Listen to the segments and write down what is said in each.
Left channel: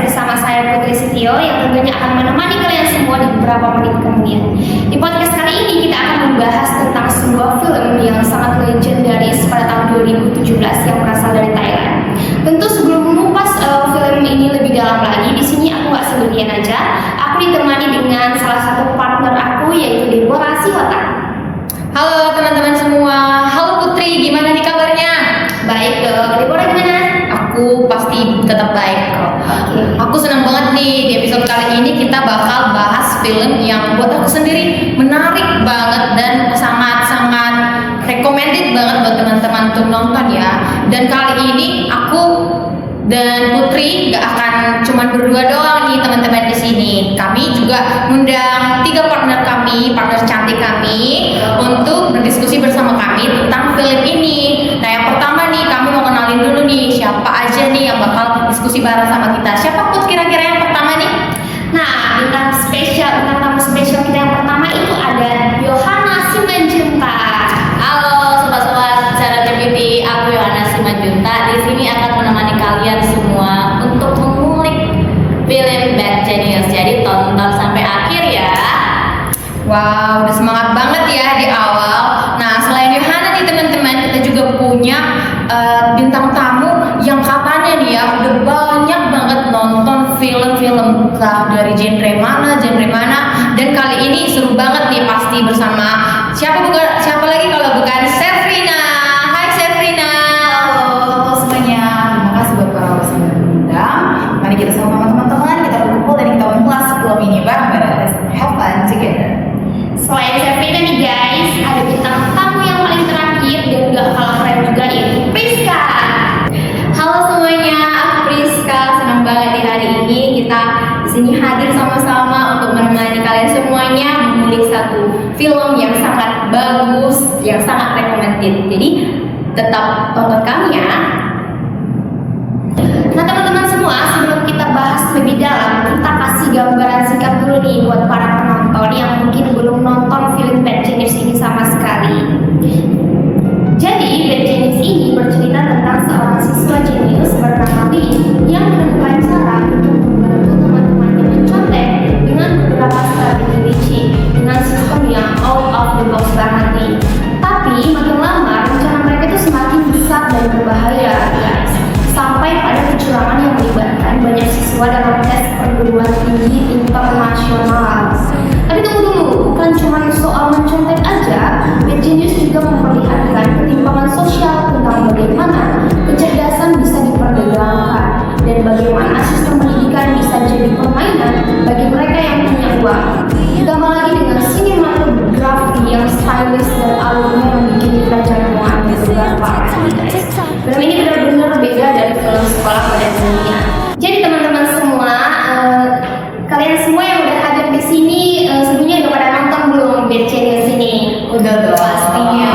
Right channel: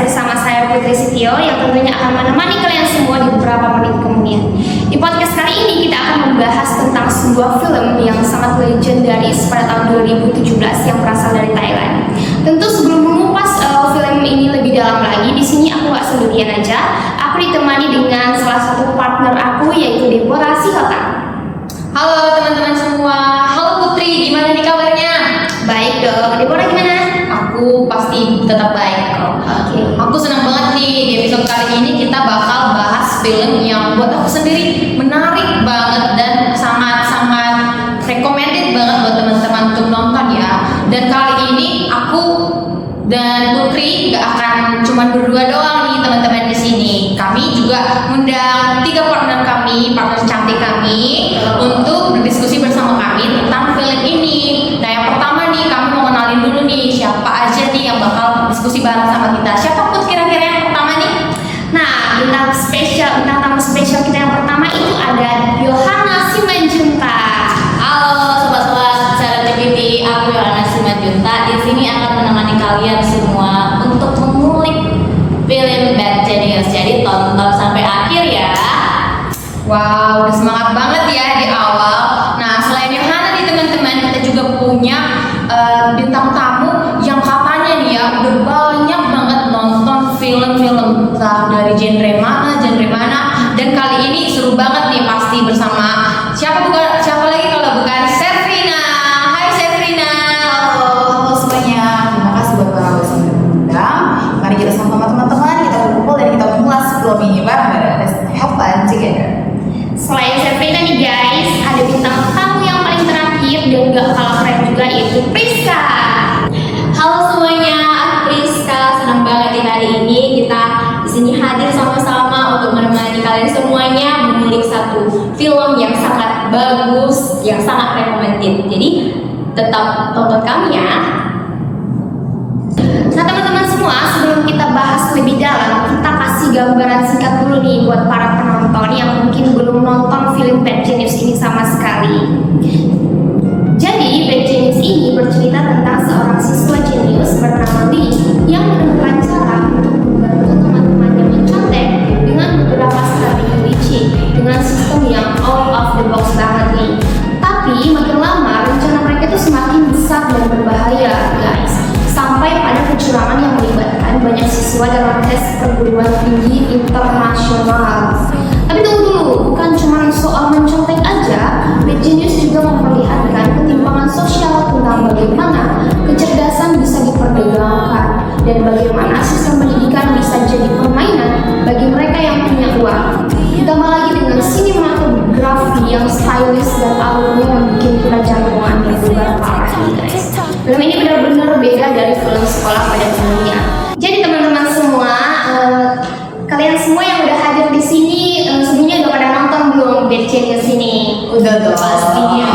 bersama saya Putri Sitio yang tentunya akan menemani kalian semua di beberapa menit kemudian. Di podcast kali ini kita akan membahas tentang sebuah film yang sangat legendaris pada tahun 2017 yang berasal dari Thailand. Tentu sebelum mengupas film ini lebih dalam lagi, di sini aku gak sendirian aja. Aku ditemani dengan salah satu partner aku yaitu Deborah Sihotan. Halo teman-teman semua, halo Putri, gimana nih kabarnya? Baik dong, Deborah gimana? Aku pasti tetap baik kok. Aku senang banget nih di episode kali ini kita bakal bahas film yang buat aku sendiri menarik banget dan sangat-sangat recommended banget buat teman-teman untuk nonton ya. Dan kali ini aku dan Putri gak akan cuma berdua doang nih teman-teman di sini. Kami juga mengundang 3 partner kami, partner cantik kami untuk berdiskusi bersama kami tentang film ini. Nah yang pertama nih kami mau kenalin dulu nih siapa aja nih yang bakal diskusi bareng sama kita. Siapa Put kira-kira yang pertama nih? Nah, bintang tamu spesial kita yang pertama itu ada Yohana Simanjunta. Halo sobat-sobat Channel TV, aku Yohana Simanjunta. Di sini akan menemani kalian semua untuk mengulik film Bad Genius. Jadi tonton sampai akhir ya. Wow, udah semangat banget ya di awal. Nah, selain Yohana nih teman-teman, kita juga punya bintang tamu yang katanya nih ya udah banyak banget nonton film-film entah dari genre mana. Dan kali ini seru banget nih pasti bersama siapa lagi kalau bukan Sefrina. Hai Sefrina. Halo semuanya, terima kasih buat para host yang diundang. Mari kita sama teman-teman kita berkumpul dan kita mengulas film ini bareng-bareng. Let's have fun together. Selain Sefrina nih guys, ada bintang tamu yang paling terakhir dan gak kalah keren juga yaitu Priska. Halo semuanya, aku Priska. Senang banget di hari ini kita di sini hadir sama-sama untuk menemani kalian semuanya mengulik satu film yang sangat bagus, yang sangat recommended. Jadi tetap tonton kami ya. Nah teman-teman semua, sebelum kita bahas lebih dalam, kita kasih gambaran singkat dulu nih buat para penonton yang mungkin belum nonton film Bad Genius ini sama sekali. Jadi Bad Genius ini bercerita tentang seorang siswa jenius bernama Lee yang menemukan cara untuk membantu teman-temannya mencontek dengan beberapa strategi licik dengan sistem yang out of the box banget nih. Tapi makin lama rencana mereka itu semakin besar dan berbahaya guys, sampai pada kecurangan yang melibatkan banyak siswa dalam tes perguruan tinggi internasional. Tapi tunggu dulu, bukan cuma soal mencontek aja, Bad Genius juga memperlihatkan ketimpangan sosial tentang bagaimana kecerdasan bisa diperdagangkan dan bagaimana sistem pendidikan bisa jadi permainan bagi mereka yang punya uang. Ditambah lagi dengan sinematografi yang stylish dan alurnya membuat kita jantungan benar parah. Film ini benar-benar beda dari film sekolah pada umumnya. Jadi teman-teman semua, kalian semua yang udah hadir di sini sebelumnya udah pada nonton belum Bad Genius ini? Udah dong. Pastinya.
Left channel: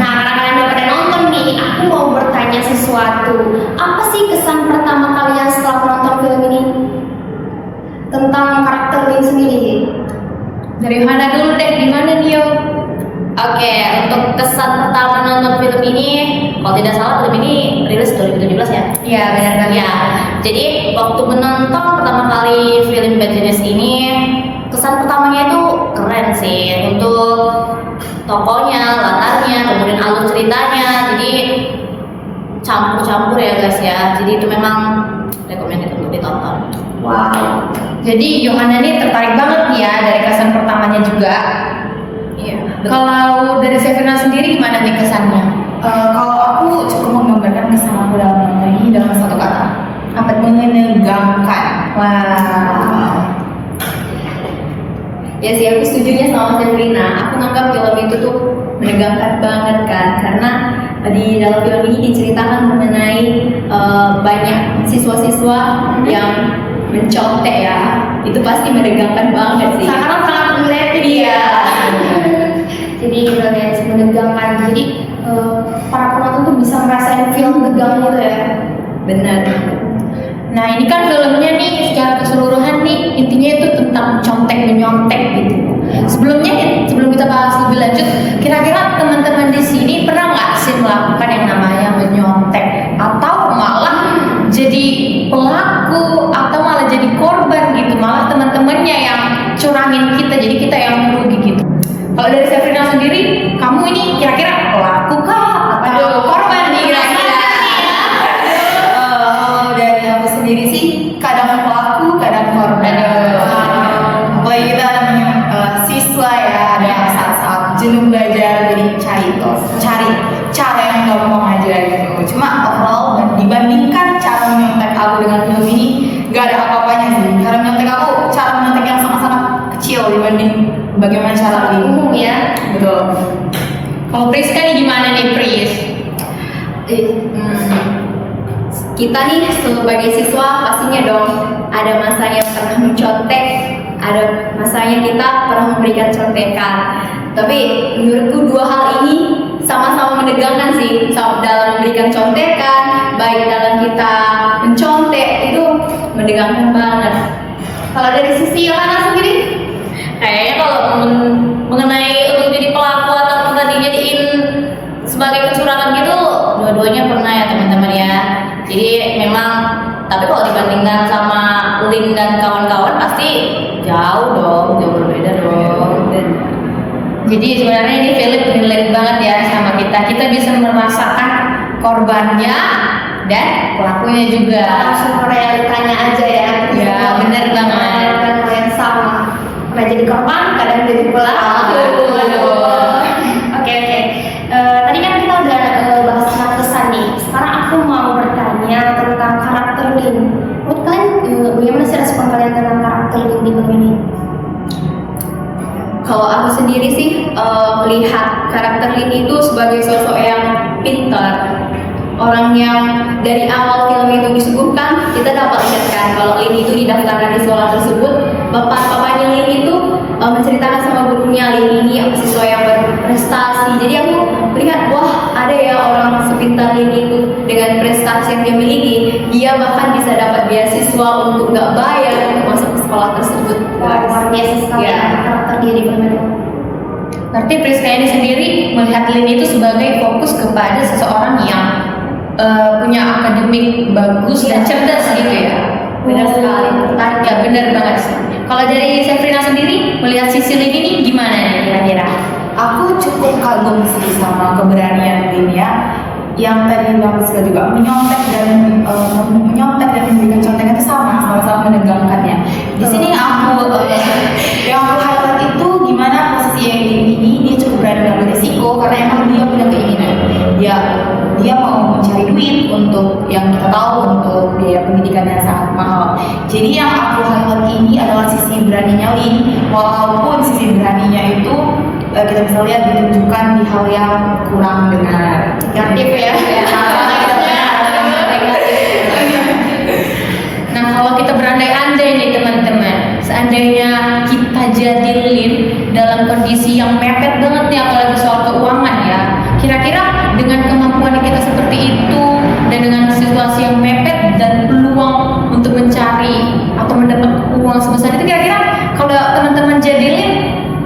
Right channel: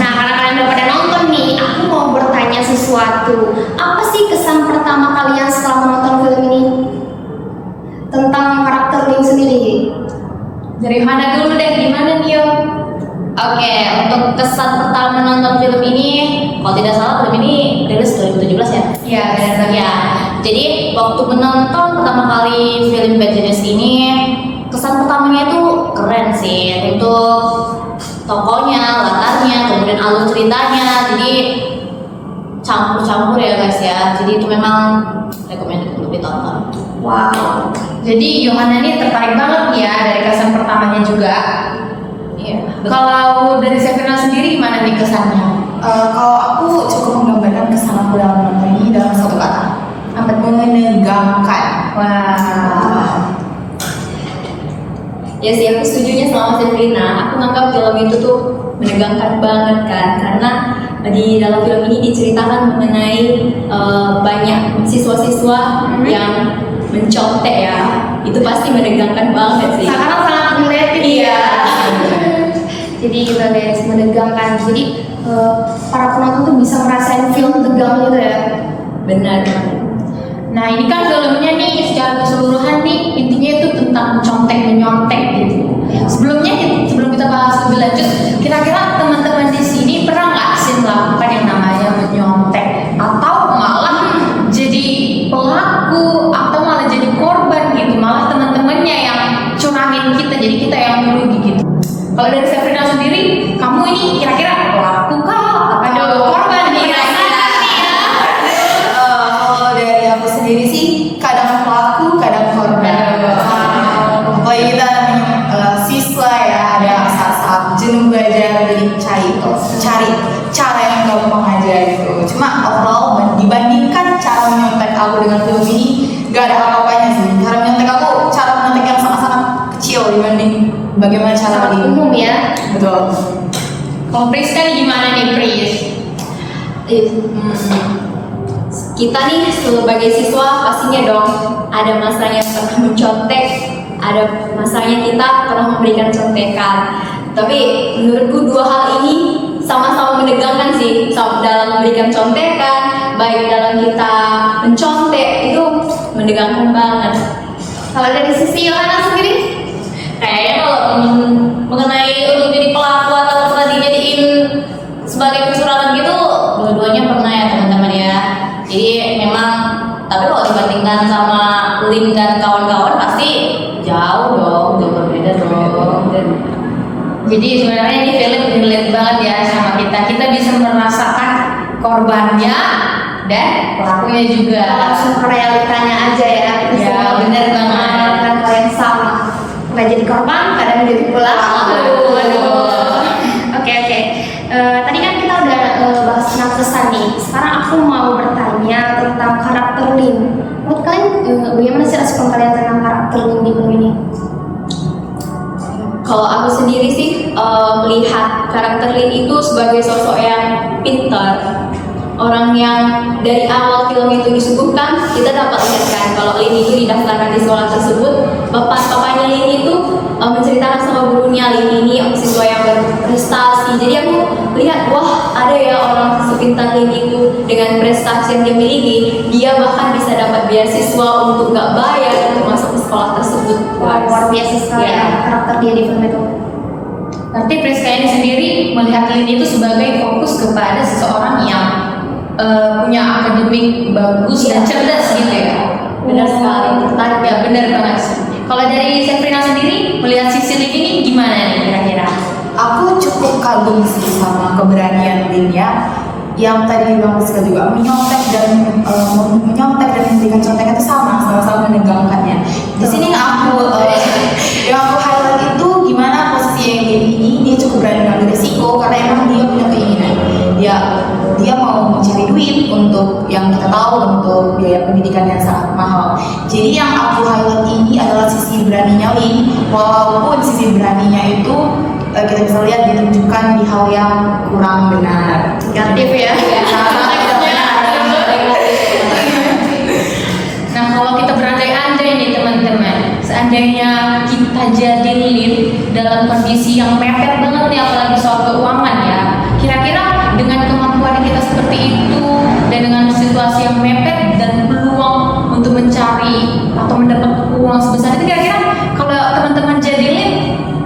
Nah, karena kalian udah pada nonton nih, aku mau bertanya sesuatu. Apa sih kesan pertama kalian setelah menonton film ini? Tentang karakter Lee sendiri. Dari mana dulu deh, gimana nih Yo? Oke, untuk kesan pertama nonton film ini, kalau tidak salah film ini rilis 2017 ya? Iya, benar. Ya, jadi waktu menonton pertama kali film Bad Genius ini, kesan pertamanya itu keren sih. Untuk tokohnya, latarnya, kemudian alur ceritanya, jadi campur-campur ya guys ya. Jadi itu memang recommended untuk ditonton. Wow. Jadi Yohana ini tertarik banget nih ya dari kesan pertamanya juga. Iya. Kalau dari Sefrina sendiri gimana nih kesannya? Kalau aku cukup menggambarkan kesan aku dalam nonton ini dalam satu kata, menegangkan. Wow. Ya sih, aku setujunya sama Sefrina. Aku nganggap film itu tuh menegangkan banget kan, karena di dalam film ini diceritakan mengenai banyak siswa-siswa yang mencontek ya. Itu pasti menegangkan banget sih. Sangat related. Iya. Jadi guys, menegangkan. Jadi para penonton tuh bisa ngerasain film tegang gitu ya. Benar. Nah ini kan filmnya nih secara keseluruhan nih intinya itu tentang menyontek gitu. Sebelum kita bahas lebih lanjut, kira-kira teman-teman di sini pernah nggak sih melakukan yang namanya menyontek atau malah jadi pelaku bagaimana cara Lin. umum ya. Betul. Kalau Priska nih gimana nih Pris? Kita nih sebagai siswa pastinya dong ada masanya pernah mencontek, ada masanya kita pernah memberikan contekan. Tapi menurutku dua hal ini sama-sama menegangkan sih, dalam memberikan contekan, baik dalam kita mencontek itu menegangkan banget. Kalau dari sisi Yohana sendiri, Kayaknya kalau mengenai untuk jadi pelaku atau pernah dijadiin sebagai kecurangan gitu, dua-duanya pernah ya teman-teman ya. Jadi memang, tapi kalau dibandingkan sama Lin dan kawan-kawan pasti jauh dong, jauh berbeda dong. Jadi sebenarnya ini film relate banget ya sama kita. Kita bisa merasakan korbannya dan pelakunya juga. langsung ke realitanya aja ya. Ya, benar banget. Dan hal yang sama. Pernah jadi korban, kadang jadi pelaku. Oke. Tadi kan kita udah bahas tentang kesan nih. Sekarang aku mau bertanya tentang karakter Lin. Menurut kalian, bagaimana sih respon kalian tentang karakter Lin di film ini? Kalau aku sendiri sih melihat karakter Lin itu sebagai sosok yang pintar, orang yang dari awal film itu disuguhkan kita dapat lihatkan kalau Lin itu didaftarkan di sekolah tersebut. Bapaknya Lin itu menceritakan sama gurunya Lin ini siswa yang berprestasi. Jadi aku melihat wah ada ya orang sepintar Lin itu dengan prestasi yang dia miliki, dia bahkan bisa dapat beasiswa untuk nggak bayar untuk masuk ke sekolah tersebut. Wah, luar biasa sekali Ya. karakter dia di film itu. Berarti Priska ini sendiri melihat Lin itu sebagai fokus kepada seseorang yang punya akademik bagus dan cerdas gitu ya. Benar sekali. Tertarik ya, benar banget sih. Kalau dari Sefrina sendiri melihat sisi Lin ini gimana nih kira-kira? Aku cukup kagum sih sama keberanian Lin ya, yang tadi Bang Rizka juga menyontek dan memberikan contekan itu sama-sama menegangkannya. Di sini yang aku highlight itu gimana posisi yang ini dia cukup berani mengambil risiko karena emang dia punya keinginan. Dia mau mencari duit untuk yang kita tahu untuk biaya pendidikan yang sangat mahal. Jadi yang aku highlight ini adalah sisi beraninya Lin, walaupun sisi beraninya itu kita bisa lihat ditunjukkan di hal yang kurang benar. Negatif ya. Sangat tidak benar. Nah kalau kita berandai-andai nih teman-teman, seandainya kita jadi Lin dalam kondisi yang mepet banget nih, apalagi soal keuangan ya, kira-kira dengan kemampuan kita seperti itu dan dengan situasi yang mepet dan peluang untuk mencari atau mendapat uang sebesar itu, kira-kira kalau teman-teman jadi Lin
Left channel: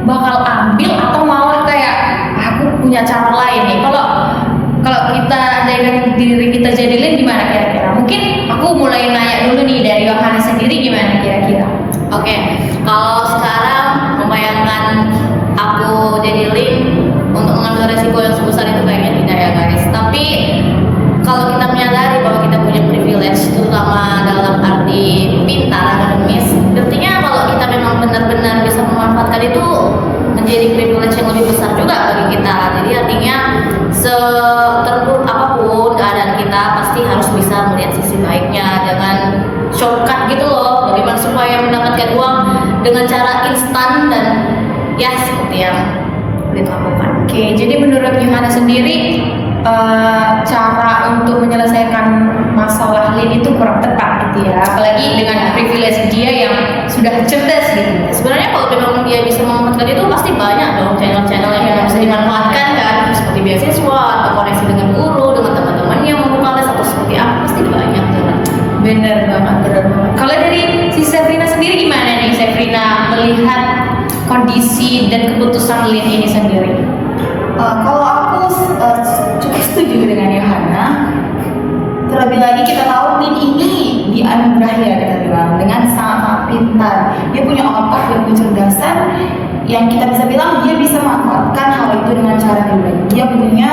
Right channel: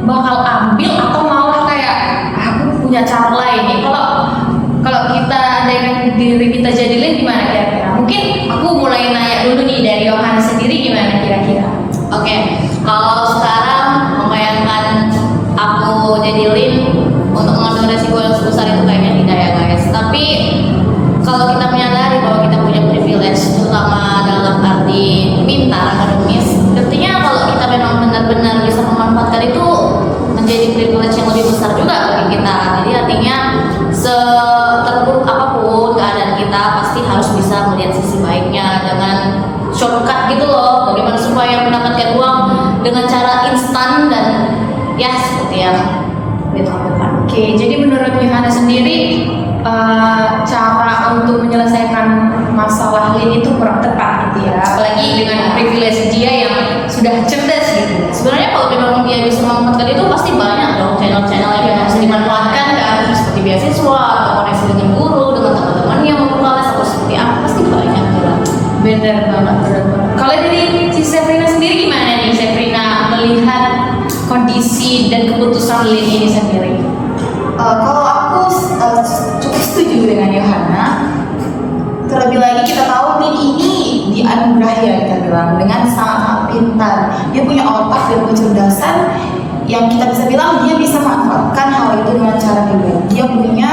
bakal ambil atau malah kayak aku punya cara lain nih? Kalau kita andaikan diri kita jadi Lin gimana kira-kira? Mungkin aku mulai nanya dulu nih dari Yohana sendiri, gimana kira-kira? Oke, kalau sekarang membayangkan aku jadi Lin untuk mengambil resiko yang sebesar itu kayaknya tidak ya guys. Tapi kalau kita menyadari bahwa kita punya privilege, terutama dalam arti pintar akademis, tentunya kalau kita memang benar-benar bisa memanfaatkan itu menjadi privilege yang lebih besar juga bagi kita. Jadi artinya seterburuk apapun keadaan kita pasti harus bisa melihat sisi baiknya, dengan shortcut gitu loh, bagaimana supaya mendapatkan uang dengan cara instan dan ya seperti yang dilakukan. Oke, jadi menurut Yohana sendiri cara untuk menyelesaikan masalah Lin itu kurang tepat gitu ya, apalagi dengan privilege dia yang sudah cerdas gitu. Sebenarnya kalau memang dia bisa memanfaatkan itu pasti banyak dong channel-channel yang bisa dimanfaatkan kan, seperti beasiswa atau koneksi dengan guru, dengan teman-temannya membuka les atau seperti apa, pasti banyak tuh. Benar banget, benar banget. Kalau dari si Sefrina sendiri gimana nih Sefrina melihat kondisi dan keputusan Lin ini sendiri? Kalau aku cukup setuju dengan Yohana. Terlebih lagi kita tahu Lin ini dianugerahi ya, kita bilang dengan sangat pintar. Dia punya otak dan kecerdasan yang kita bisa bilang dia bisa memanfaatkan hal itu dengan cara pribadi. Dia punya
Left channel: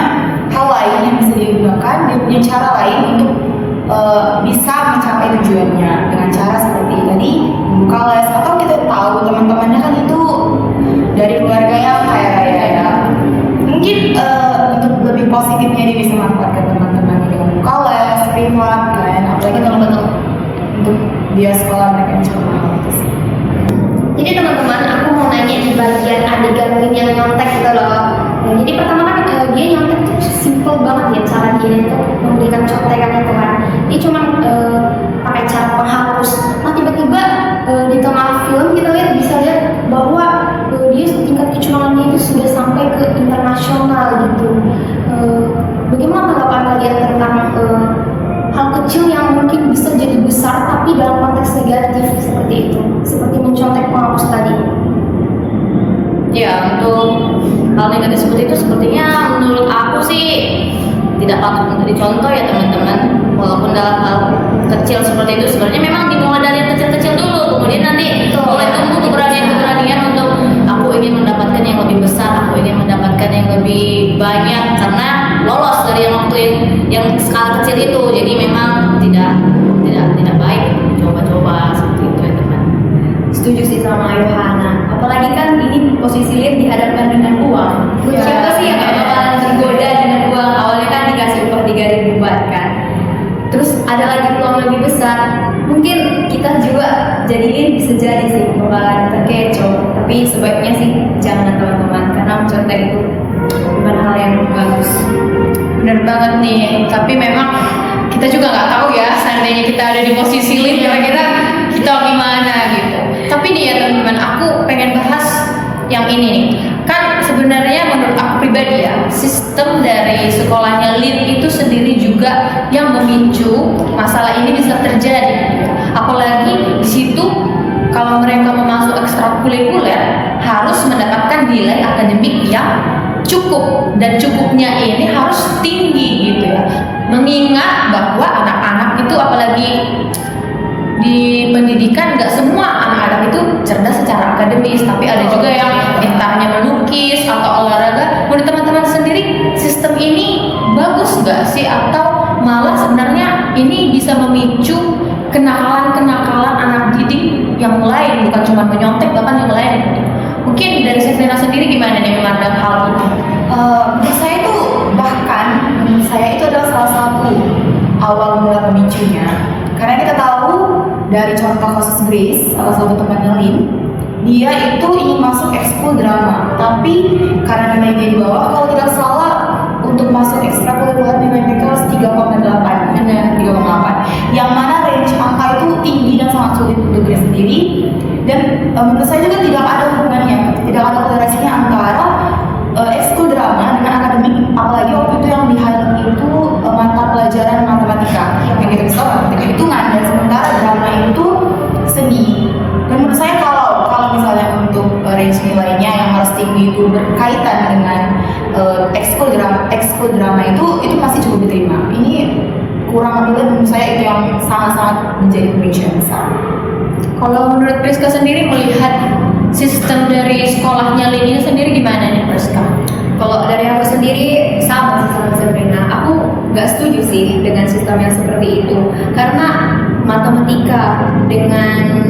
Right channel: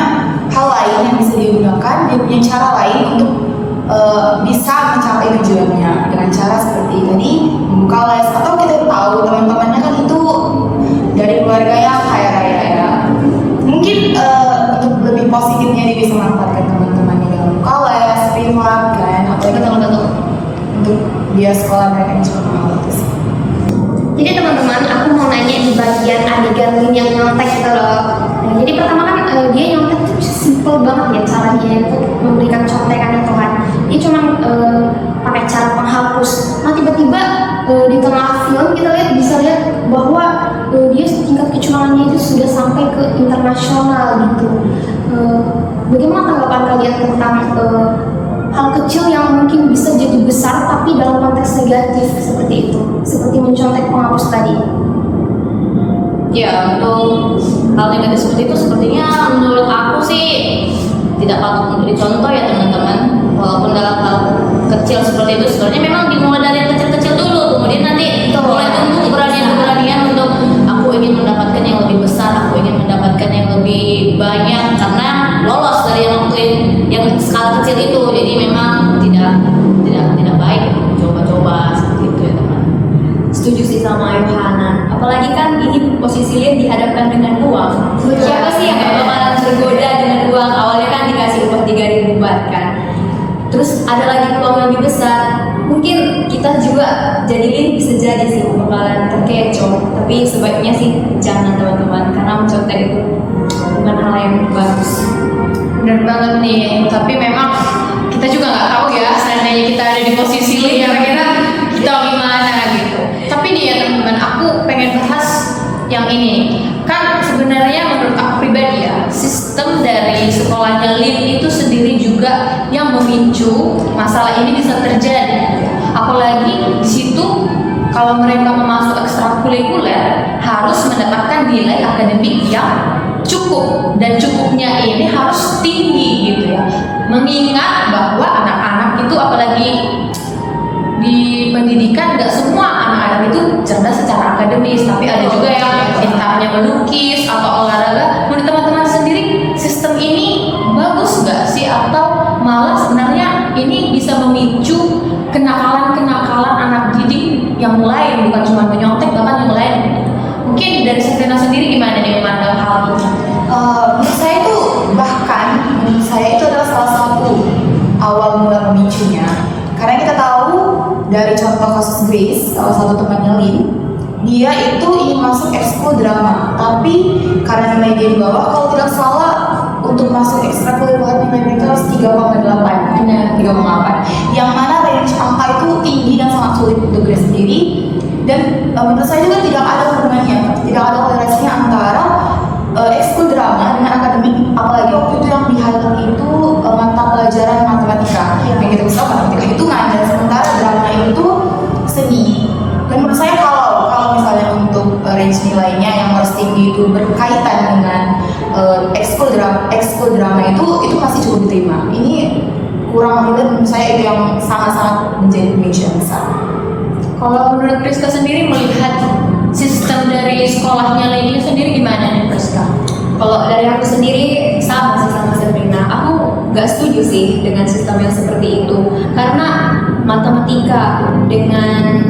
hal lain yang bisa dia gunakan, dia punya cara lain untuk bisa mencapai tujuannya dengan cara seperti tadi membuka les, atau kita tahu teman-temannya kan itu dari keluarga yang kaya raya ya. Mungkin untuk lebih positifnya dia bisa manfaatkan teman-temannya dengan buka les privat kan, apalagi teman-teman untuk biaya sekolah mereka yang cukup mahal itu sih. Jadi teman-teman, aku mau nanya di bagian adegan Lin yang nyontek itu loh. Nah, jadi pertama kan dia nyontek tuh simple banget ya caranya untuk memberikan contekan itu kan. Dia cuma pakai cara penghapus. Nah tiba-tiba di tengah film kita bisa lihat bahwa dia tingkat kecurangannya itu sudah sampai ke internasional gitu. Bagaimana tanggapan kalian tentang hal kecil yang mungkin bisa jadi besar tapi dalam konteks negatif seperti itu, seperti mencontek penghapus tadi? Ya, untuk hal negatif seperti itu sepertinya menurut aku sih tidak patut memberi contoh ya teman-teman. Walaupun dalam hal kecil seperti itu sebenarnya memang dimulai dari kecil-kecil dulu, kemudian nanti dia tumbuh keberanian untuk aku ingin mendapatkan yang lebih besar, aku ingin mendapatkan yang lebih banyak karena lolos dari waktu yang skala kecil itu. Jadi memang tidak baik coba-coba seperti itu ya teman. Setuju sih sama Yohana. Apalagi kan ini posisi Lin dihadapkan dengan uang. Siapa sih yang gak bakalan tergoda dengan uang? Awalnya kan dikasih upah 3.000 baht kan. Terus ada lagi peluang yang lebih besar. Mungkin kita juga jadi Lin bisa jadi sih bakalan terkecoh. Tapi sebaiknya sih jangan teman-teman, karena mencontek itu bukan hal yang bagus. Bener banget nih, tapi memang kita juga nggak tahu ya seandainya kita ada di posisi Lin, kira-kira kita gimana gitu. Tapi nih ya teman-teman, aku pengen bahas yang ini nih. Kan sebenarnya menurut aku pribadi ya, sistem dari sekolahnya Lin itu sendiri juga yang memicu masalah ini bisa terjadi. Apalagi di situ kalau mereka mau masuk ekstrakurikuler harus mendapatkan nilai akademik yang cukup, dan cukupnya ini harus tinggi gitu ya. Mengingat bahwa anak-anak itu apalagi di pendidikan nggak semua anak-anak itu cerdas secara akademis, tapi ada juga yang pintarnya melukis atau olahraga. Menurut teman-teman sendiri, sistem ini bagus nggak sih, atau malah sebenarnya ini bisa memicu kenakalan-kenakalan anak didik yang lain, bukan cuma menyontek bahkan yang lain? Mungkin dari Safina sendiri gimana nih memandang hal ini? Menurut saya itu menurut saya itu adalah salah satu awal mula pemicunya. Karena kita tahu dari contoh kasus Grace, salah satu temannya Lin, dia itu ingin masuk ekskul drama, tapi karena nilai dia di bawah, kalau tidak salah untuk masuk ekstrakurikuler nilai mereka harus 3,8. Yang mana range angka itu tinggi dan sangat sulit untuk Grace sendiri. Dan menurut saya juga tidak ada hubungannya, tidak ada korelasinya antara ekskul drama dengan akademik, apalagi waktu itu yang di-highlight itu mata pelajaran matematika yang kita bisa matematika hitungan, dan sementara drama itu seni. Dan menurut saya kalau misalnya untuk range nilainya yang harus tinggi itu berkaitan dengan ekskul drama itu masih cukup diterima. Ini kurang lebih menurut saya itu yang sangat-sangat menjadi pemicu yang besar. Kalau menurut Priska sendiri melihat sistem dari sekolahnya Lin sendiri gimana nih Priska? Kalau dari aku sendiri sama sih sama Sabrina. Aku gak setuju sih dengan sistem yang seperti itu. Karena matematika dengan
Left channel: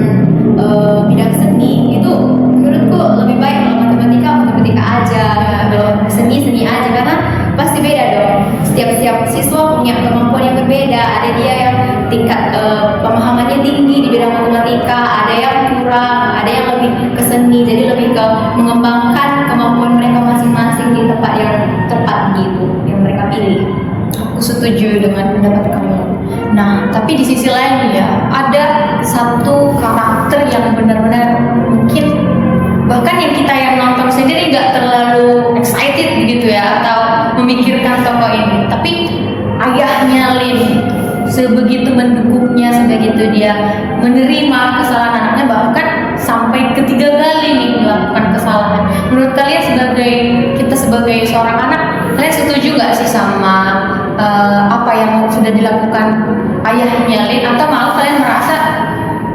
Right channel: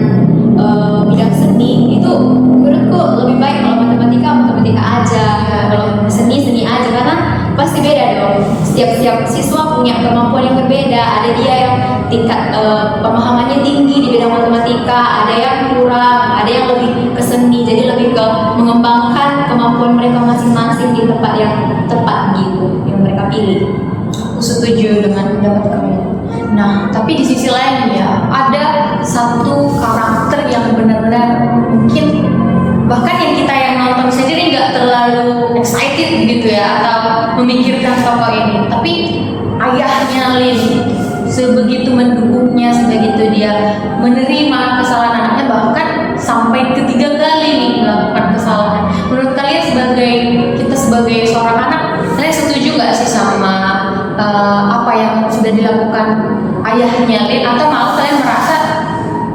bidang seni itu menurutku lebih baik. Kalau matematika aja, kalau seni aja, karena pasti beda dong. Setiap siswa punya kemampuan yang berbeda. Ada dia yang tingkat pemahamannya tinggi di bidang matematika, ada yang kurang, ada yang lebih ke seni. Jadi lebih ke mengembangkan kemampuan mereka masing-masing di tempat yang tepat gitu, yang mereka pilih. Aku setuju dengan pendapat kamu. Nah, tapi di sisi lain ya, ada satu karakter yang benar-benar mungkin bahkan yang kita yang nonton sendiri nggak terlalu excited begitu ya, atau memikirkan tokoh ini. Tapi ayahnya Lin sebegitu mendukungnya, sebegitu dia menerima kesalahan anaknya, bahkan sampai ketiga kali nih melakukan kesalahan. Menurut kalian kita sebagai seorang anak, kalian setuju nggak sih sama apa yang sudah dilakukan ayahnya Lin, atau malah kalian merasa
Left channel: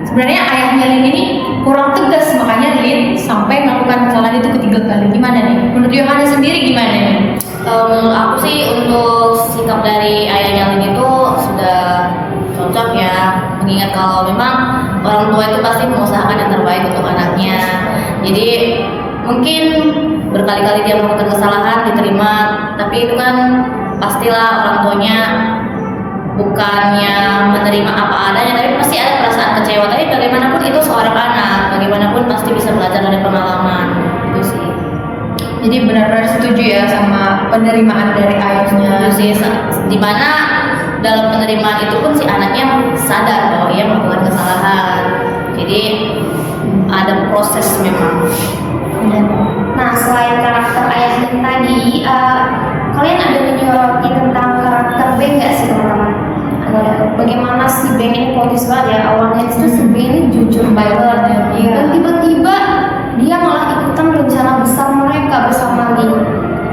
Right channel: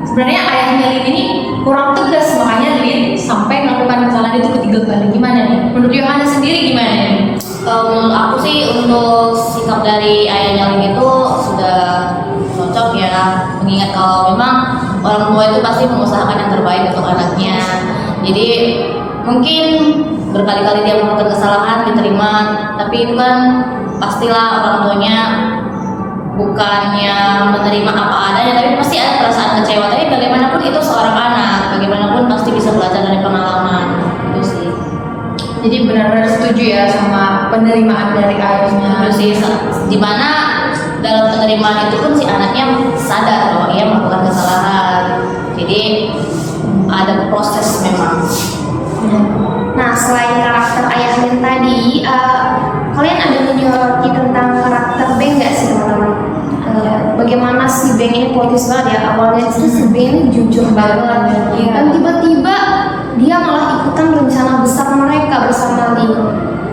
sebenarnya ayahnya Lin ini kurang tegas, makanya Lin sampai melakukan kesalahan itu ketiga kali? Gimana nih? Menurut Yohana sendiri gimana nih? Menurut aku sih untuk sikap dari ayah Lin itu sudah cocok ya, mengingat kalau memang orang tua itu pasti mengusahakan yang terbaik untuk anaknya. Jadi mungkin berkali-kali dia melakukan kesalahan diterima, tapi itu kan pastilah orang tuanya bukannya menerima apa adanya, tapi pasti ada perasaan kecewa. Tapi bagaimanapun itu seorang anak, bagaimanapun pasti bisa penerimaan dari ayahnya. Itu sih dimana dalam penerimaan itu pun si anaknya sadar bahwa ia melakukan kesalahan. Jadi ada proses memang. Nah, selain karakter ayah dan tadi, kalian ada menyoroti tentang karakter Beng nggak sih teman-teman? Bagaimana si Beng ini politis banget ya, awalnya itu si Beng ini jujur banget, dan tiba-tiba dia malah ikutan rencana besar mereka bersama Lee.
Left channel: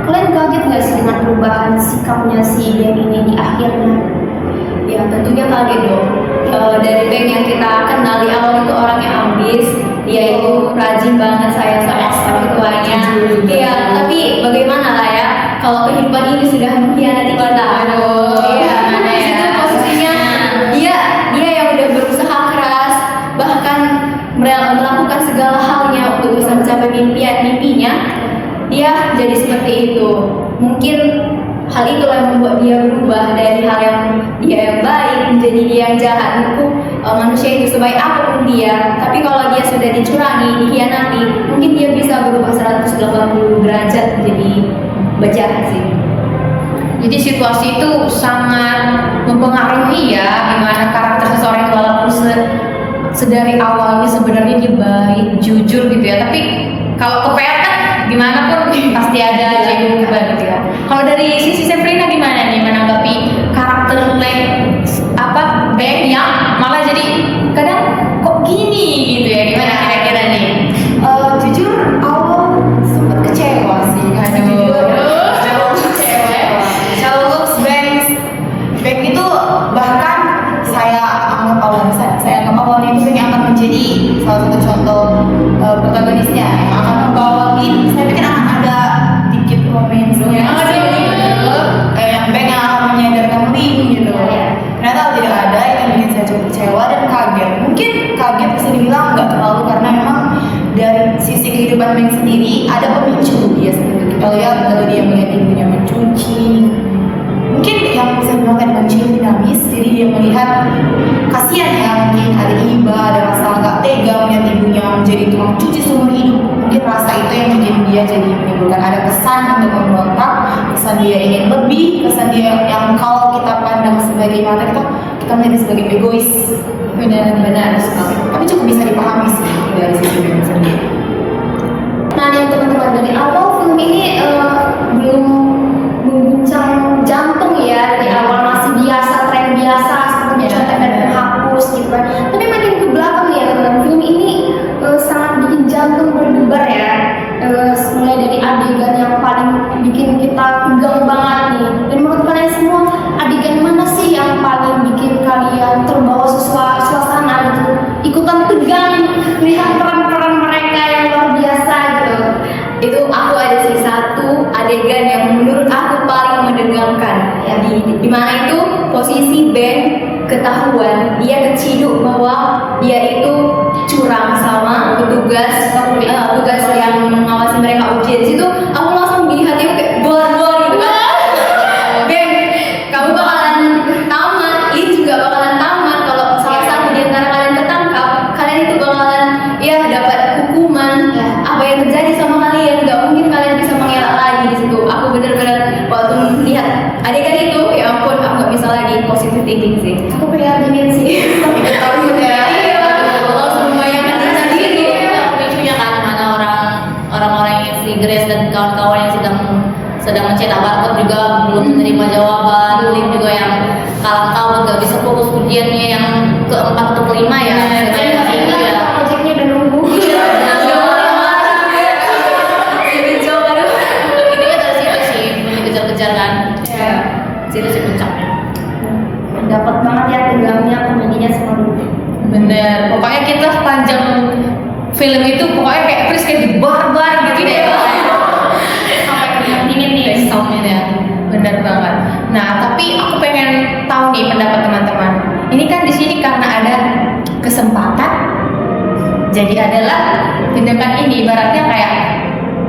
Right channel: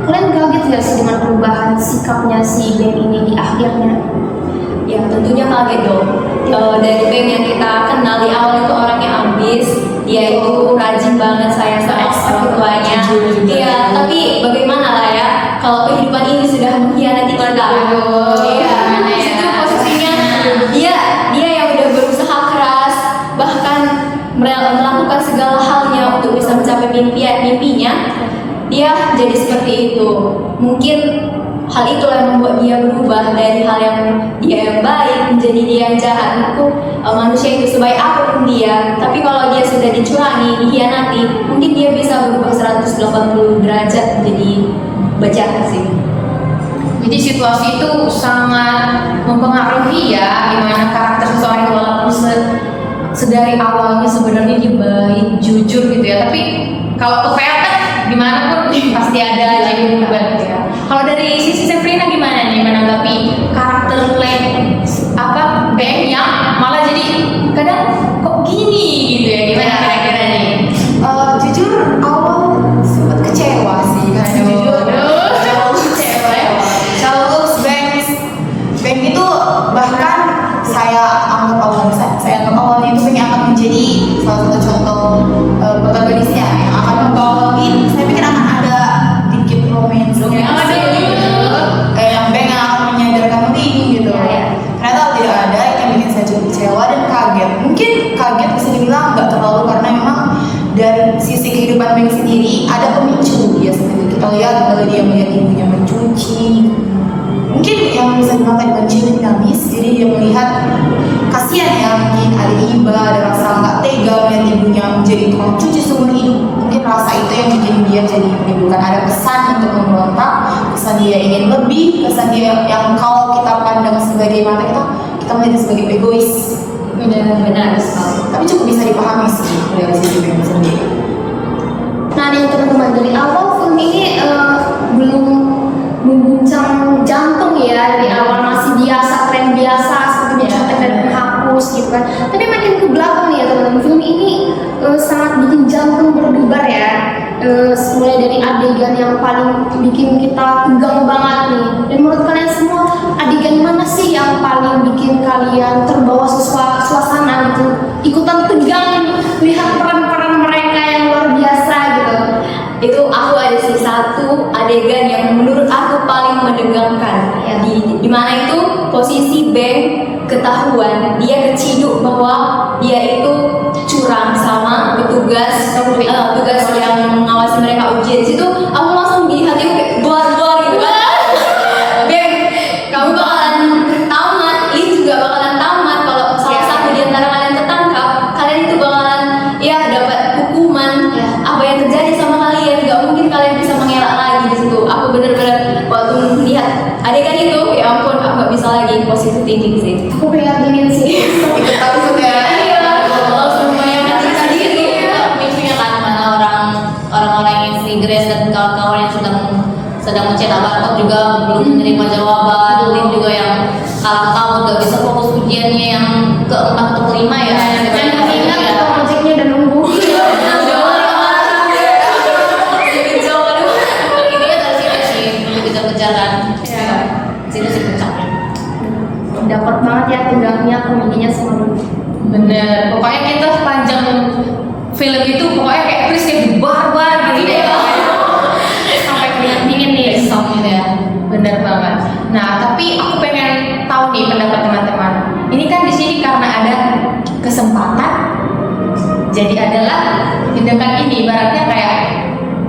Kalian kaget nggak sih dengan perubahan sikapnya si Beng ini di akhirnya? Ya tentunya kaget dong. Dari Beng yang kita kenal di awal itu orangnya ambis, dia itu rajin banget sayang sama orang tuanya. Iya, tapi bagaimana lah ya kalau kehidupan ini sudah mengkhianati kita. Iya, di situ posisinya dia yang udah berusaha keras, bahkan melakukan segala halnya untuk bisa mencapai mimpinya. Dia jadi seperti itu. Mungkin hal itulah yang membuat dia berubah dari hal yang dia yang baik menjadi dia yang jahat. Menurutku manusia itu sebaik apapun dia, tapi kalau dia sudah dicurangi, dikhianati, mungkin dia bisa berubah 180 derajat menjadi bejat sih. Jadi situasi itu sangat mempengaruhi ya gimana karakter seseorang walaupun sedari awalnya sebenarnya dia baik, jujur gitu ya. Tapi kalau kepepet kan gimana pun pasti ada yang berubah gitu ya. Kalau dari sisi Sefrina gimana nih menanggapi karakter Beng yang malah jadi kadang kok gini gitu ya, gimana kira-kira nih? Jujur awal sempat kecewa sih karena jujur kalau Beng itu bahkan saya anggap awalnya itu Beng yang akan menjadi salah satu contoh protagonisnya yang akan membawa Lin. Saya pikir akan ada dikit romansnya yang Beng yang akan menyadarkan Lin gitu. Ternyata tidak ada, itu yang bikin saya cukup kecewa dan kaget. Mungkin kaget bisa dibilang nggak terlalu karena memang dari sisi kehidupan Beng sendiri ada pemicu dia sendiri. Kita lihat kalau dia melihat ibunya mencuci, mungkin yang bisa dibilang tadi manusia dinamis, jadi dia melihat kasihan ya, mungkin ada iba, ada rasa nggak tega melihat ibunya menjadi tukang cuci seumur hidup. Mungkin rasa itu yang bikin dia jadi menimbulkan ada kesan untuk memberontak, kesan dia ingin lebih, kesan dia yang kalau kita pandang sebagai mata kita melihat sebagai egois. Benar sekali. Tapi cukup bisa dipahami sih dari sisi Beng sendiri. Nah, nih teman-teman, dari awal film ini belum mengguncang jantung ya, dari awal masih biasa, tren biasa seperti mencontek dan menghapus gitu kan. Tapi makin ke belakang nih ya teman-teman, film ini sangat bikin jantung berdebar ya. Mulai dari adegan yang paling bikin kita tegang banget nih. Dan menurut kalian semua, adegan mana sih yang paling bikin kalian terbawa suasana gitu, ikutan tegang lihat peran-peran mereka yang luar biasa gitu? Itu aku ada sih satu adegan yang menurut aku paling menegangkan ya, di mana itu posisi Beng ketahuan dia keciduk bahwa dia itu curang sama petugas yang mengawasi mereka ujian. Situ aku langsung di hatiku kayak buar-buar gitu kan. Beng, kamu bakalan tamat, Lin juga bakalan tamat. Kalau salah satu di antara kalian ketangkap, kalian itu bakalan ya dapat hukuman. Apa yang terjadi sama kalian, gak mungkin kalian bisa mengelak lagi di situ. Aku bener-bener waktu melihat adegan itu, ya ampun, aku gak bisa lagi positive thinking sih. Aku kayak gini sih. Ikut takut ya. Iya, langsung membayangkan diri sendiri. Pemicunya kan mana orang-orang yang si Grace dan kawan-kawan yang sedang mencetak barcode juga belum menerima jawaban. Lin juga yang kalah tahun gak bisa fokus ujiannya yang keempat atau kelima ya. Proyeknya udah nunggu. Udah marah-marah. Dibejong, aduh. Itu kan dari situ sih kejar-kejar kan. Situ sih puncak. Dapat banget ya tegangnya, komedinya semua. Bener, pokoknya kita sepanjang film itu pokoknya kayak Chris kayak barbar gitu ya. Sampai keringat dingin nih. Ya, bener banget. Nah, tapi aku pengen tahu nih pendapat teman-teman. Ini kan di sini karena ada kesempatan, jadi adalah tindakan ini ibaratnya kayak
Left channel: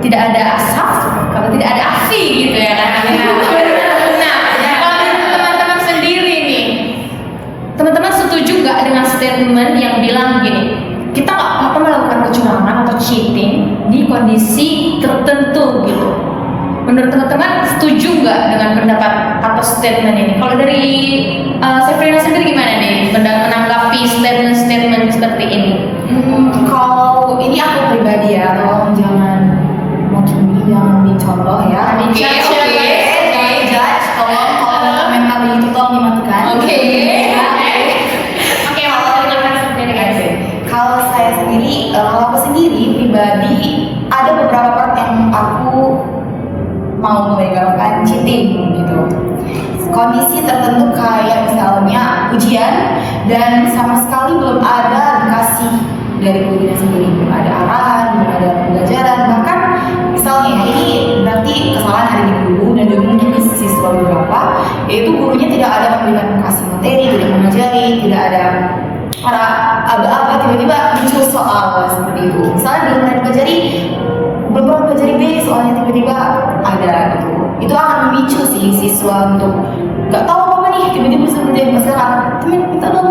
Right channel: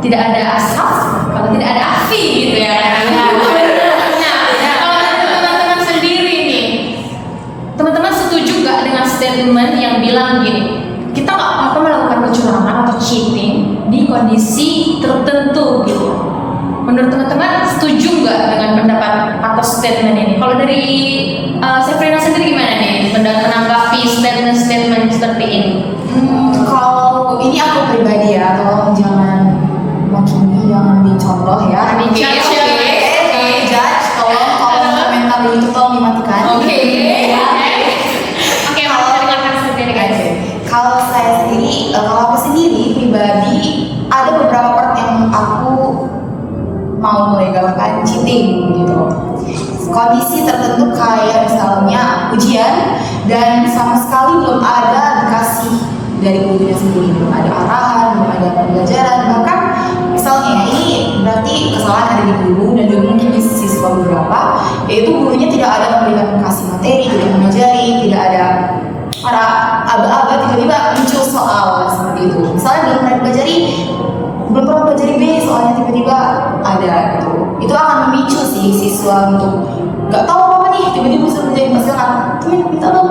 tidak ada asaf, kalau tidak ada afi gitu ya kan? Nah, kalau dari teman-teman sendiri nih, teman-teman setuju gak dengan statement yang bilang gini, kita nggak apa-apa melakukan kecurangan atau cheating di kondisi tertentu gitu? menurut teman-teman setuju nggak dengan pendapat atau statement ini? Kalau dari Safrina sendiri gimana nih menanggapi statement-statement seperti ini? Kalau ini aku pribadi ya, tolong jangan jangan dicontoh ya. Judge, tolong kalau komentar itu tolong dimatikan. Oke. Kalau saya sendiri, kalau aku sendiri pribadi ada beberapa part yang aku mau melegalkan cheating gitu. Kondisi tertentu kayak misalnya ujian dan sama sekali belum ada dikasih dari gurunya sendiri, belum ada arahan, belum ada pembelajaran, bahkan misalnya ini berarti kesalahan ada di guru dan juga mungkin di siswa beberapa, yaitu gurunya tidak ada memberikan kasih materi, tidak mengajari, tidak ada para aba-aba tiba-tiba muncul soal seperti itu. Misalnya belum pernah pelajari B, soalnya tiba-tiba ada gitu. Itu akan memicu sih siswa untuk nggak tahu apa nih, tiba-tiba bisa menjadi masalah. Temen minta dong.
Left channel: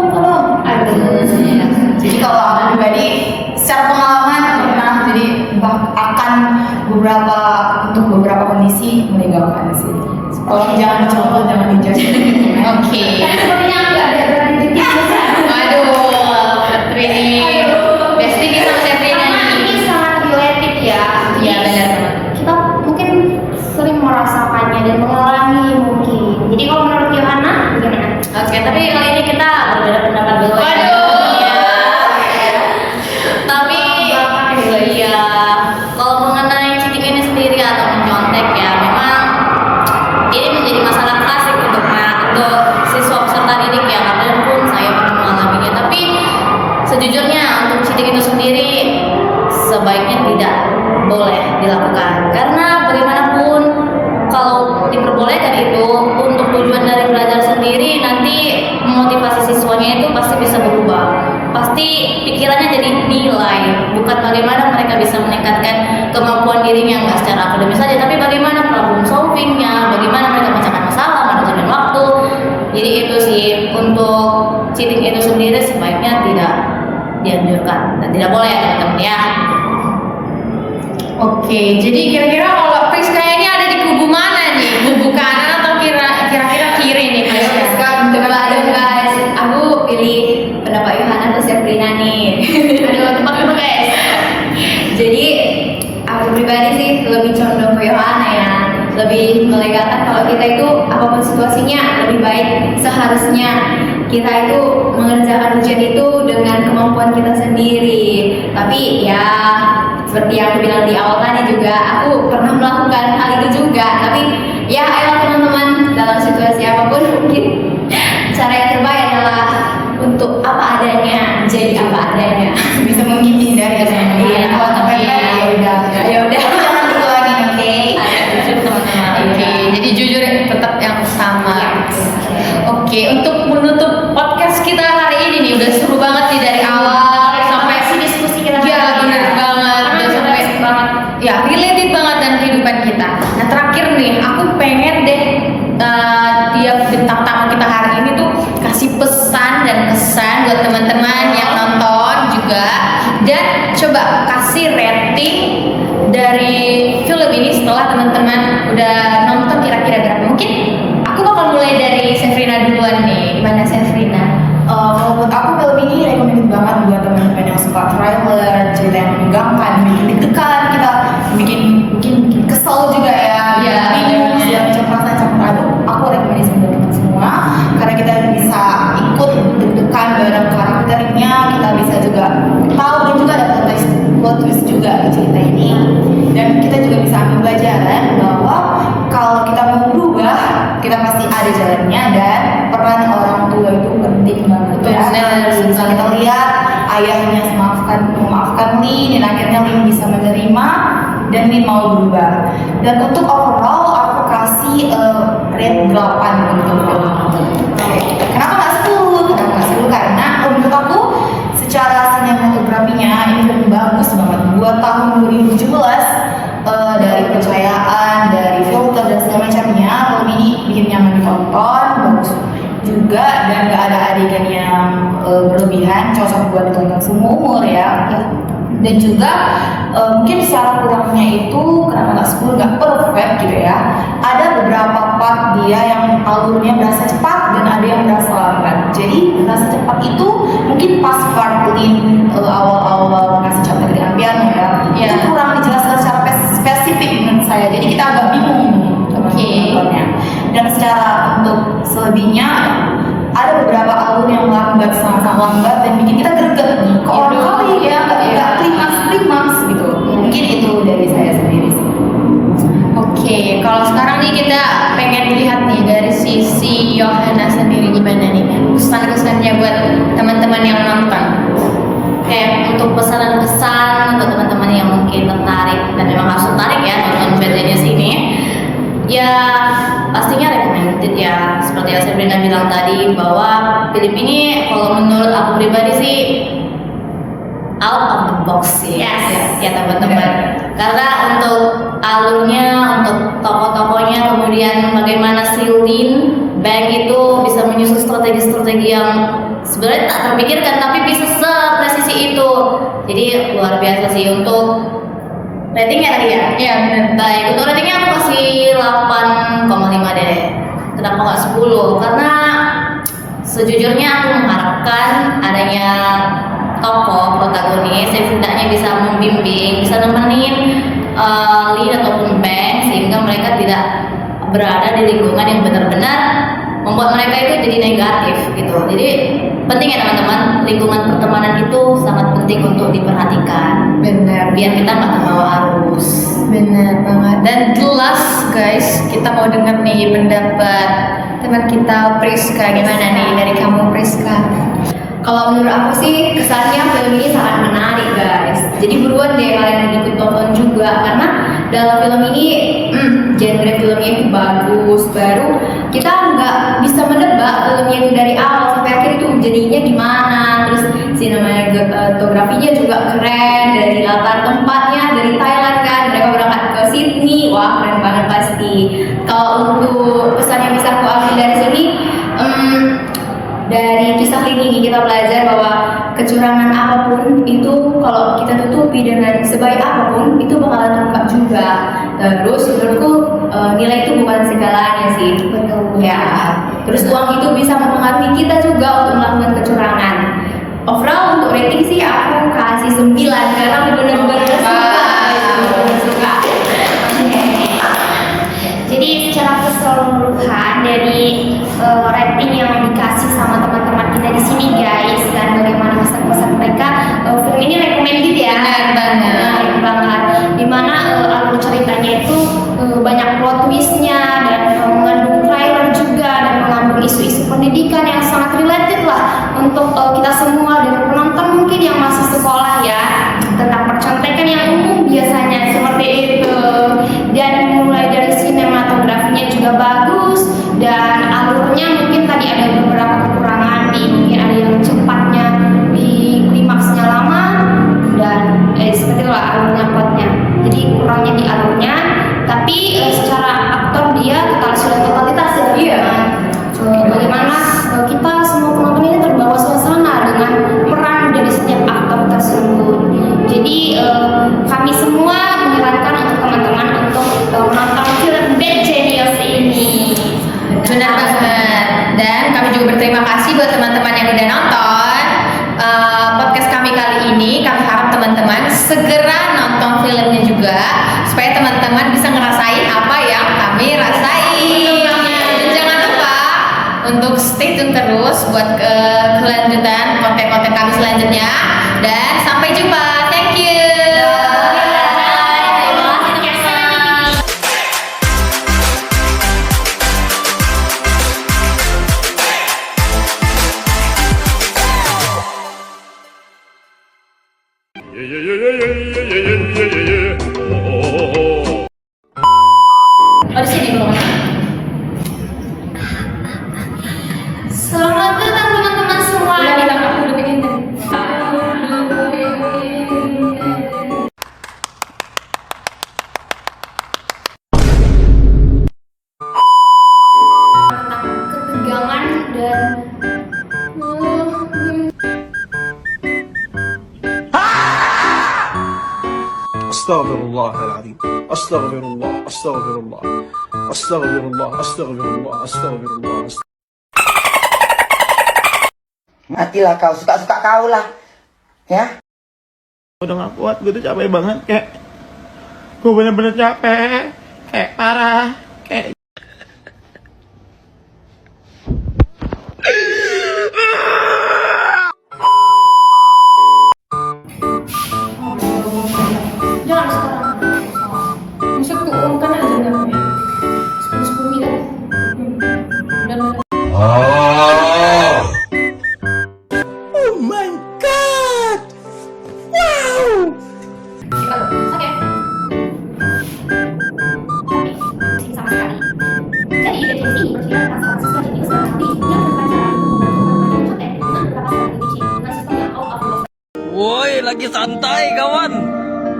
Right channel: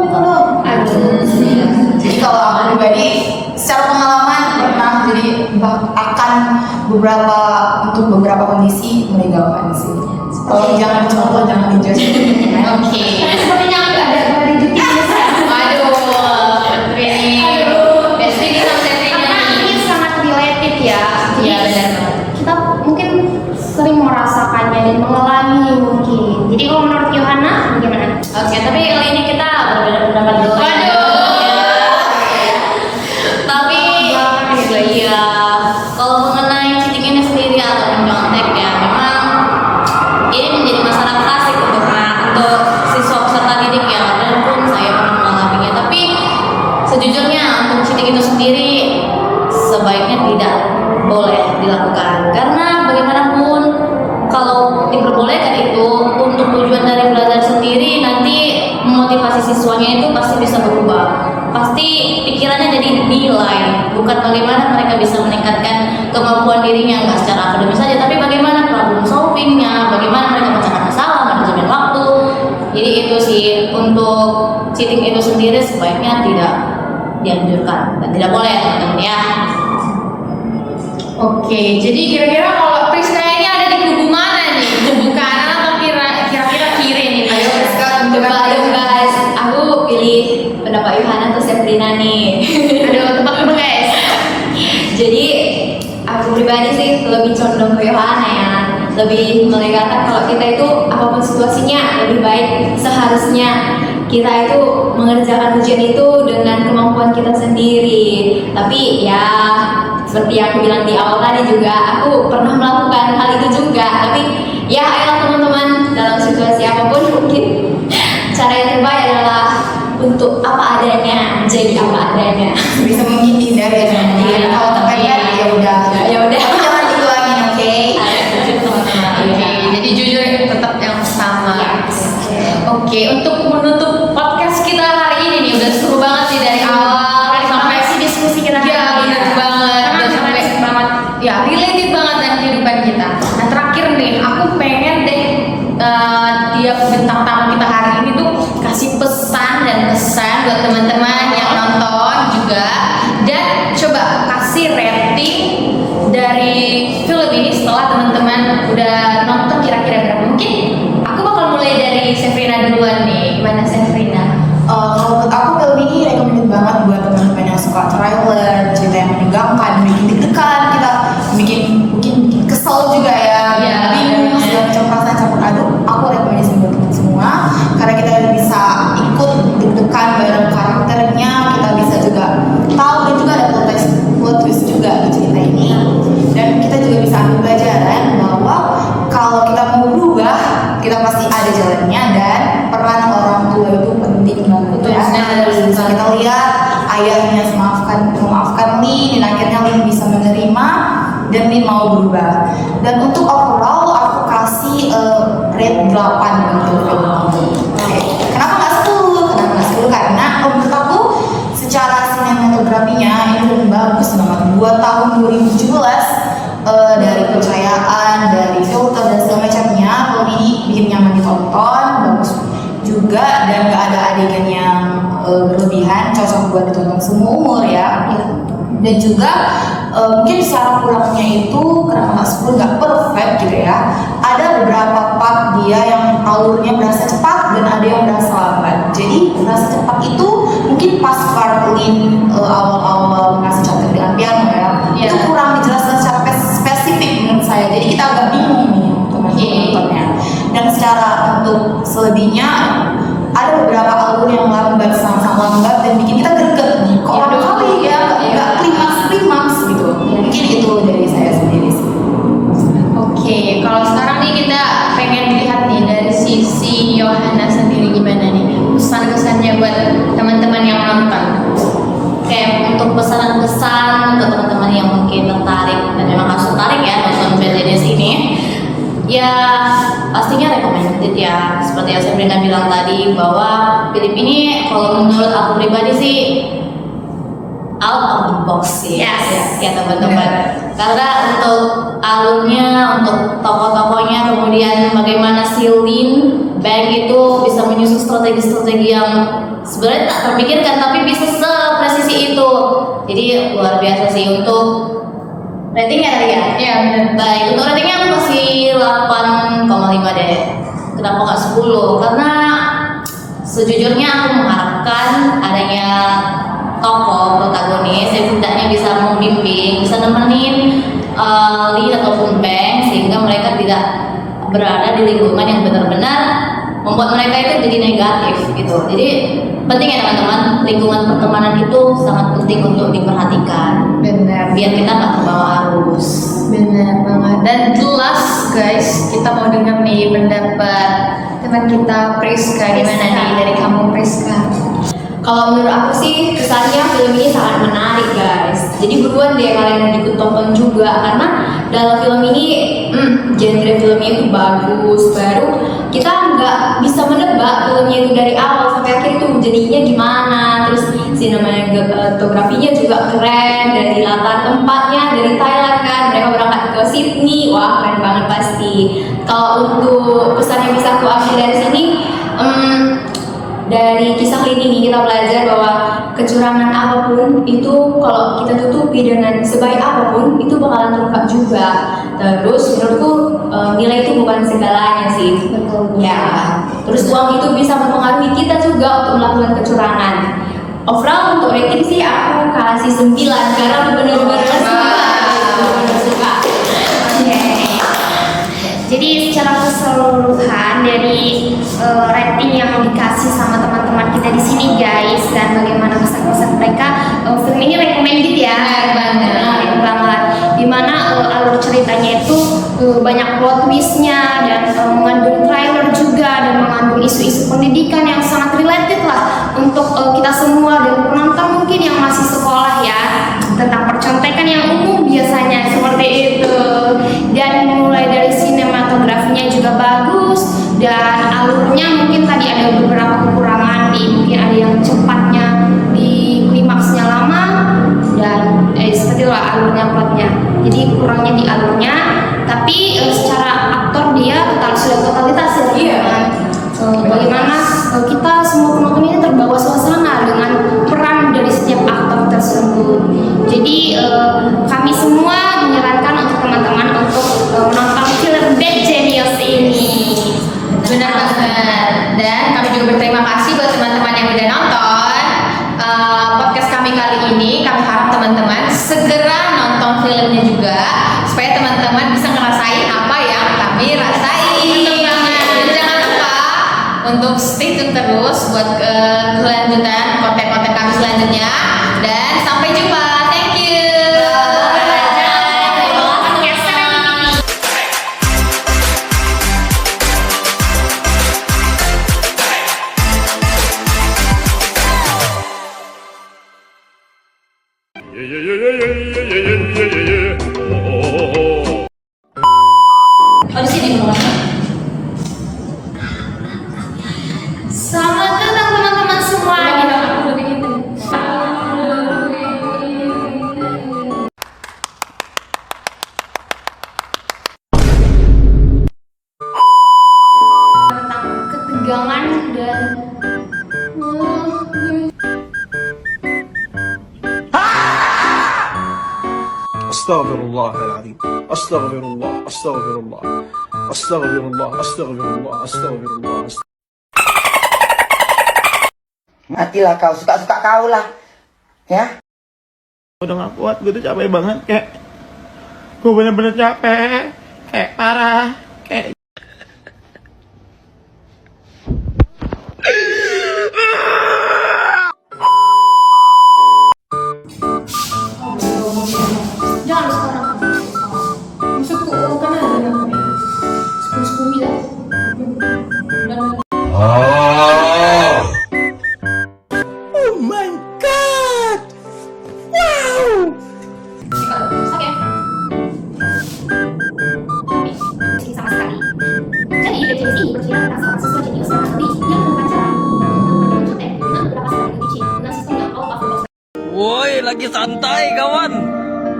Jadi kalau aku pribadi secara pengalaman pernah jadi akan untuk beberapa kondisi melegalkan sih. Kalau jangan dicontoh, jangan dijudge. Oke. Sepertinya ada di Waduh, Trini. Biasanya kita Safrina nih. ini sangat related ya. Iya benar. Kita mungkin sering merasakannya dan mengalami mungkin. Jadi kalau menurut Yohana bagaimana? Oke, tapi kali ini kita berbeda pendapat dulu. Tapi iya, kalau mengenai cheating ini sendiri atau nyontek ya, memang ini menjadi masalah klasik untuk siswa peserta didik ya, walaupun saya pernah mengalaminya. Tapi sejujurnya untuk cheating itu sendiri sebaiknya tidak boleh dilakukan, karena bagaimanapun kalau diperbolehkan itu untuk tujuan dari belajar sendiri, nanti memotivasi siswanya itu pasti bisa berubah. Pasti pikirannya jadi nilai, bukan bagaimana mereka bisa meningkatkan kemampuan dirinya, nggak secara akademis saja, tapi bagaimana problem solvingnya, bagaimana mereka memecahkan masalah, manajemen waktu. Jadi itu sih, untuk cheating itu sendiri sebaiknya tidak dianjurkan dan tidak boleh ya teman-teman ya. Oke, jadi kira-kira kalau Priska ini ada di kubu mana nih? Kubu kanan atau kira-kira kiri nih? Ayo sekarang Coba dong guys, aku pilih pendapat Yohana atau Safrina nih. Aduh, tempat dulu guys. Jadi aku pribadi sih lebih condong ke Yohana ya, lebih melegalkan kalau kita itu apapun situasinya lebih baik seharusnya kita itu mengerjakan ujian itu dengan kemampuan kita sendiri. Tapi ya seperti yang aku bilang di awal tadi juga, aku pernah melakukan hal itu juga. Tapi ya ayolah teman-teman, dalam situasi apapun mungkin cara yang terbaik adalah untuk apa adanya, menjadi apa adanya. bisa mungkin dihindari ya teman-teman. Iya. Kalau kepepet ya udah. Ya udah. Tapi jangan diulangin, oke? Teman-teman. Oke, jadi jujur tetap yang sama. Oke, untuk menutup podcast kita hari ini nih udah seru banget sih dari awal sampai Diskusi kita. ya benar banget, udah sampai ya related banget dengan kehidupan kita. Nah terakhir nih, aku pengen deh tiap bintang tamu kita hari ini tuh kasih pesan dan kesan buat teman-teman yang nonton juga, dan coba kasih rating dari film ini setelah teman-teman udah nonton kira-kira berapa. Mungkin aku bakal mulai dari Safrina duluan nih. Gimana Safrina? Kalau buat aku film ini recommended banget buat teman-teman yang suka trailer, cerita yang menegangkan, bikin deg-degan, kita mungkin kesel juga ya, Iya, bingung, iya. segala macam perasaan campur aduk. Aku rekomendasi buat teman semua karena kita bisa ikut deg-degan bareng karakternya, kita bisa juga tahu dan juga ada plot twist juga di cerita ini, dan kita juga bisa ambil pelajaran bahwa kalau kita mau berubah, kita pasti ada jalannya, dan peran orang tua itu penting banget Betul, ya. benar. Bisa kita lihat ayahnya memaafkan Lin, dan akhirnya Lin bisa menerima dan Lin mau berubah. Dan untuk overall aku kasih rate 8 untuk film ini. Oke. Kenapa nggak 10? Kenapa nggak 10? Karena menurut aku secara sinematografinya ini film bagus banget buat tahun 2017. Dari pencahayaan, dari filter dan segala macamnya, film ini bikin nyaman ditonton, bagus juga, dan gak ada adegan yang berlebihan, cocok buat ditonton semua umur ya. Dan juga mungkin secara kurangnya itu kenapa nggak 10 nggak perfect gitu ya. Ada beberapa part dia yang alurnya berasa cepat dan ada yang berasa lambat. Jadi berasa cepat itu mungkin pas part Lin awal-awal ngasih contoh dengan piano ya, itu kurang dijelaskan secara spesifik menurut saya. Jadi kita agak bingung nih teman-temannya. Dan secara untuk selebihnya ada beberapa alur yang lambat, sama-sama lambat dan bikin kita greget nih. Kok lambat kali ya, nggak klimaks gitu. Mungkin itu dari saya sendiri sih. Oke, kalau sekarang nih kita pengen lihat nih dari sisi Yohana sendiri gimana nih pesan-pesannya buat teman-teman yang nonton. Oke, untuk pesan-pesan untuk teman-teman yang mungkin tertarik dan memang harus tertarik ya nonton Bad Genius ini, ya pastinya recommended ya. Seperti yang saya bilang tadi bahwa film ini kalau menurut aku pribadi sih out of the box sih ya teman-teman. Karena untuk alurnya, untuk tokoh-tokohnya, kemudian bagaimana si Lin Bang itu bisa menyusun strategi-strategi yang sebenarnya tak terpikirkan tapi bisa sepresisi itu. Jadi luar biasa sih. Untuk ratingnya tadi ya? Iya benar. Baik, untuk ratingnya aku kasih 8,5 deh. Kenapa nggak 10? Karena sejujurnya aku mengharapkan adanya tokoh protagonis yang setidaknya bisa membimbing, bisa nemenin Lee ataupun Bang sehingga mereka tidak berada di lingkungan yang benar-benar membuat mereka itu jadi negatif gitu. Jadi penting ya teman-teman, lingkungan pertemanan itu sangat penting untuk diperhatikan. Benar. Biar kita nggak terbawa arus. Benar banget. Dan jelas guys, kita mau denger nih pendapat teman kita Priska. Gimana nih dari kamu Priska? Kalau menurut aku sih kesannya film ini sangat menarik guys. Jadi buruan deh kalian ikut tonton juga karena dalam film ini genre filmnya itu bagus. Baru kita nggak bisa menebak filmnya itu dari awal sampai akhir tuh jadinya gimana. Terus sinematografinya juga keren, dari latar tempatnya dari Thailand kan, mereka berangkat ke Sydney, wah keren banget pasti. Kalau untuk pesan yang bisa aku ambil dari sini, dari kisah ini kita belajar bahwa kecurangan apapun itu kalau kita tutupi dengan sebaik apapun itu bakalan terungkap juga. Terus menurutku nilai itu bukan segalanya sih. Betul. Ya. Terus uang itu bisa mempengaruhi kita juga untuk melakukan kecurangan. Overall untuk rating sih aku kasih 9 karena benar-benar suka. Jadi secara keseluruhan dari rating yang dikasih sama teman-teman kita di sini guys dan bagaimana kesan-kesan mereka, film ini recommended ya. Benar banget. Dimana alur ceritanya itu banyak plot twistnya dan mengandung trailer juga dan mengandung isu-isu pendidikan yang sangat related lah untuk kita semua dan penonton mungkin yang masih sekolah ya, tentang percontekan yang umum biasanya seperti itu. Dan mulai dari sinematografinya juga bagus dan alurnya mungkin tadi ada beberapa kekurangan mungkin ada yang cepatnya di klimaksnya lama dan seperti itu alurnya plotnya. Jadi kurangnya di alurnya, tapi secara aktor dia tetap sudah totalitas ya. Iya. Bagaimana kita semua penonton ini terbawa suasana dengan peran dari setiap aktor tersebut. Jadi kami semua menyarankan untuk teman-teman untuk menonton film Bad Genius ini. Benar banget. Dan kami juga berterima kasih buat teman-teman yang udah nonton podcast kami kali ini. Kami harap teman-teman segera nonton filmnya juga supaya teman-teman bisa ngerasain apa yang kami rasain. Dan jangan lupa untuk stay tune terus buat kelanjutan konten-konten kami selanjutnya. Dan sampai jumpa. Thank you. Oh, di sini Selamat datang teman-teman semua. Ketegangan dan Astaghfirullahaladzim. Astaghfirullah. Astaghfirullah. Astaghfirullah. Astaghfirullah. Astaghfirullah. Matilah kau, suka-suka kau lah. Ya. Udah gak kuat, gue tuh capek banget, kayak gue bener-bener capek, kayak parah, kayak Jangan sekarang. Maksudku uang kan ada dalamnya. 10 miliar. Dan oh my god, wow. sakit. Sama sekali. Jadi BTS ini bercerita tentang siswa jenis tapi yang berpacaran dengan beberapa saat dengan sistem yang out of. Woi, lagi santai kawan.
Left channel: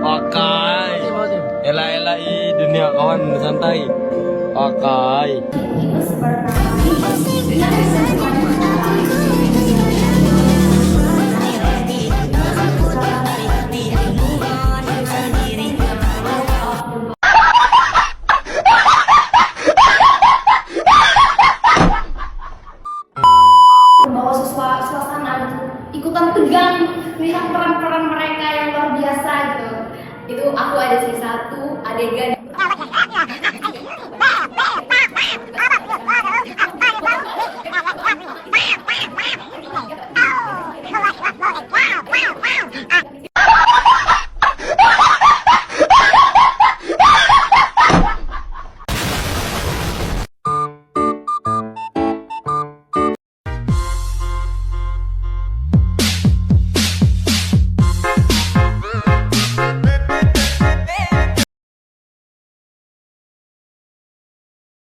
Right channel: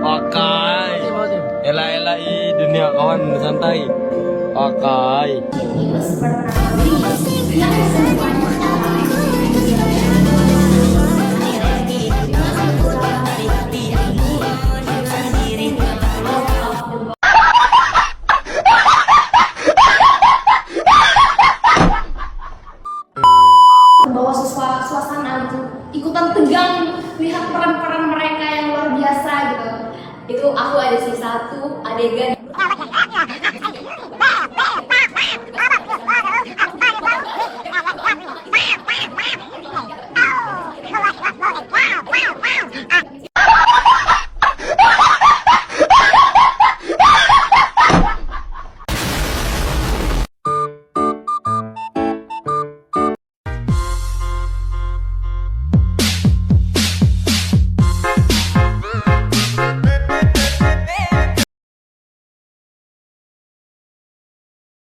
Pakai. Ela-ela dunia kawan santai. Pakai. Membawa suasana gitu, ikutan tegang lihat peran-peran mereka yang luar biasa gitu. Itu aku ada sih satu adegan